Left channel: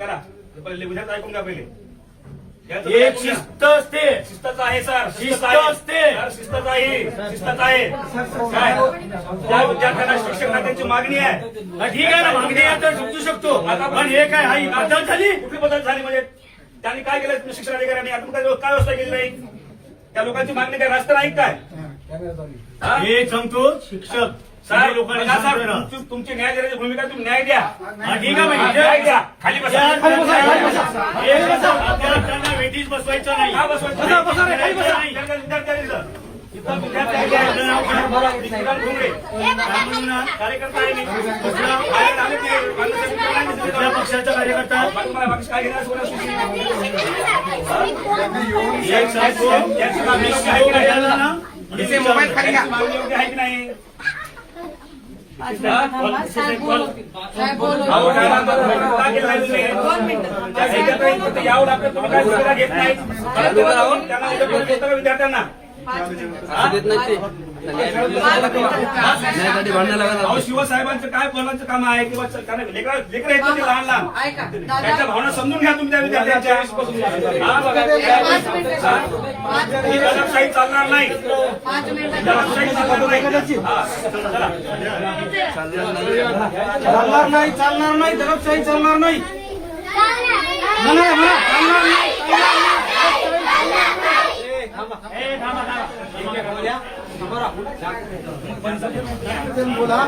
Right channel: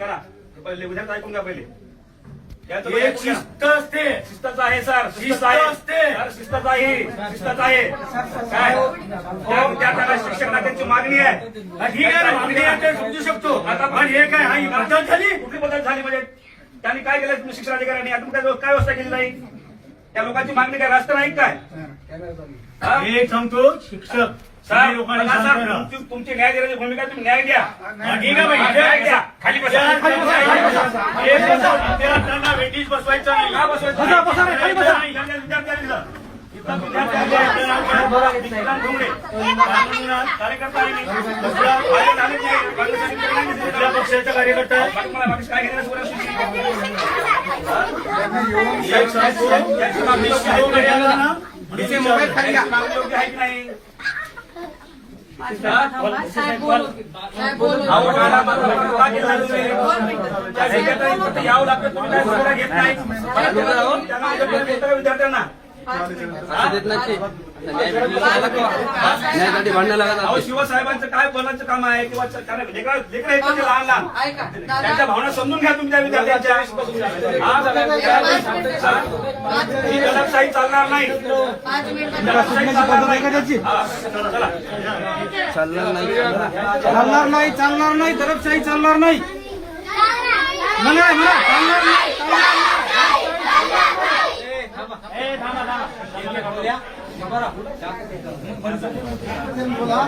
करा पहिले उद्याच ऐकून घ्या पहिले एक शिस्त असते, शिस्तच आहे सर, शिस्त असते. शिस्तच आहे, शिस्तच आहे. काय त्या विद्यार्थ्यांना शिक्षकांना त्यांची मागणी आहे. ठीक आहे ना, मागणी आहे तर समजू शकतो. आता पण हे काय हा ही बदल झाली? कुठली बदल झाली म्हणजे त्यांनी काय केलं शिक्षण अधिकाऱ्यांनी अजून काय व्यवस्था केली नाही? त्या लोकांची मागणी काय रास्त नाही काय? हे सांगतो शिक्षक सर लोकांना बघा सर, सांगतो तुमची न्याय देण्याची भूमिका तुम्ही न्याय द्या. ठीक आहे मग. न्याय द्या. खाली बसा. विद्यार्थ्यांना वेटीस बसवायचं नाही. का बसवायचं नाही? विद्यार्थ्यांनी जा. इथं विक्रांत ठोंबरे कार्यकर्ता आहे मी. बाहेर आले ते कुठल्या पक्षाचा कार्यकर्ता आहे? बाकी मला मागे काय घेण्यास बोलत नाही. एक सांगतो, मोबाईल खाली घ्या. मागणी योग्य आहे की नाही? साहेब बोल. अहो, का केलं नाही तुम्ही? त्या विद्यार्थ्यांनी फक्त यावं लागतं, तुम्ही काय सुविधा घेत नाही. त्यांना उत्तर विद्यार्थ्यांना अहो, शिवसाहेबांचं काय बोलायचं काम आहे किंवा लेकर आहेत ते लहान लहान त्यांच्या भावना समजून घ्या तुम्ही त्या विद्यार्थ्यांच्या. ही दडपशाही चालणार नाही, दडपशाही चालणार नाही. चालणार नाही, चालणार नाही, दडपशाही चालणार नाही. बोला.